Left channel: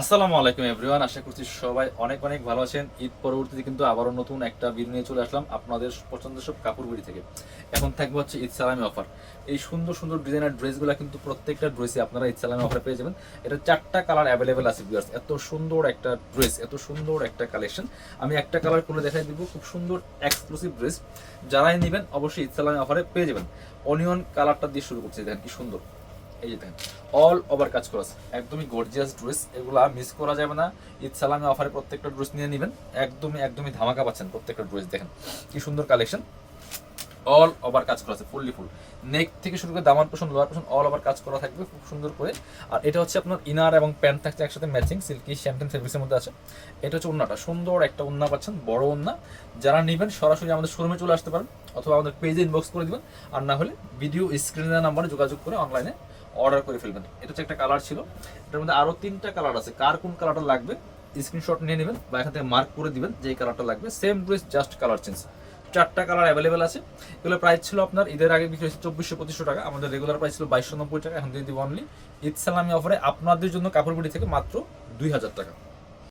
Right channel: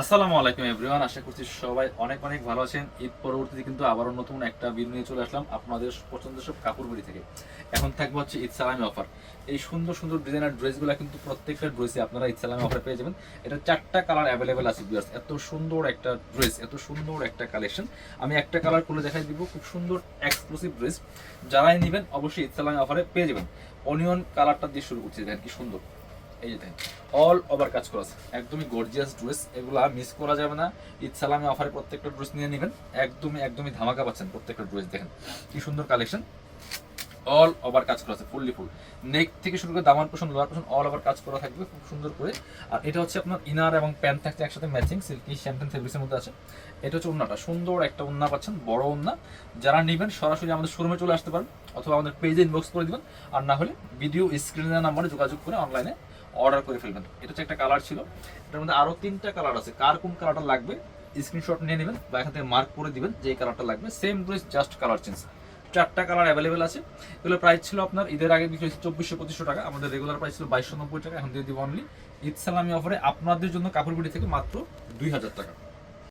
আসসালামু আলাইকুম এভরিওয়ান, আশা করছি সবাই অনেক অনেক ভালো আছেন। ঈদ পরবর্তীতে কিন্তু আবারও নতুন একটা ভিডিও নিয়ে চলে আসলাম আপনাদের পছন্দের সব কাপড় বিড়ি থেকে। এখন থাকবে হচ্ছে ঈদ সালামি অফার। এই সুন্দর সুন্দর ডিজাইনার ড্রেসগুলো কিন্তু প্রত্যেকটা ড্রেসে আপনারা ঈদ সালামি অফারে পেয়ে যাবেন। এটা 4টা কালার অ্যাভেলেবেল আছে ভিউয়ার্স। এত সুন্দর একটা ড্রেস, এত সুন্দর একটা কালেকশন। আমি একটা কালার খুলে দেখাই দিব, খুব সুন্দর এক্সক্লুসিভ ড্রেস। যারাই নেবেন অবশ্যই ঈদ সালামি অফারে পেয়ে যাবেন। অনিয়ন কালারটা দিয়ে শুরু করছি, দেখেন কি সুন্দর। এই যে দেখেন অল ওভার কাজ করা আছে, একদমই গর্জিয়াস ড্রেস, এগুলা মিস করা যাবে না। ঈদ সালামে অফারে প্রত্যেকটা ড্রেস নিয়ে নেবেন, একদমই একদমই ধামাকা পাচ্ছেন প্রত্যেকটা ড্রেস। দেখেন কি সুন্দর কালেকশন, অল ওভার কাজ করা আছে, ফুললি ফুল। নেক থেকে শুরু করে দামান portion, lower portion all over কাজ করা থাকবে খুব সুন্দর করে। আর এটা হচ্ছে আপনার ইনার এবং প্যান্ট থাকছে একসাথে ম্যাচিং, সিল্কি শ্যাম্পেন ফেব্রিক্সের মধ্যে আছে। এটা হচ্ছে ওন্নাটা, সুন্দর একটা ওন্না পাচ্ছেন, বড় ওন্না। যারা নেবেন সরাসরি আমাদের শোরুমে চলে আসতে পারেন, অথবা আমাদের পেজে ইনবক্স করে দিবেন। আর না হলে ভিডিও স্ক্রিনের নাম্বারে যোগাযোগ করে অনলাইনে অর্ডার করে ফেলবেন। এটা হচ্ছে একটা কালার ছিল, এটার মধ্যে আরও 3টা কালার আছে। কার কোন কালারটা লাগবে স্ক্রিনশট নিয়ে নেবেন বা এখান থেকে মার্ক করে দিবেন যে কালারটা লাগবে। Same dress, just colour change. 4টা কালার অ্যাভেলেবেল আছে। এগুলো প্রাইস ছিল আপনার ঈদের আগে বিক্রি হচ্ছে 2400-2500 টাকা, আমাদের রেগুলার প্রাইস ছিল 2290 টাকা। এখন দিয়ে দিব অনলি ঈদ সালামি অফারে আপনাদের জন্য কাপড় বিড়ি থেকে মাত্র 2000 টাকা।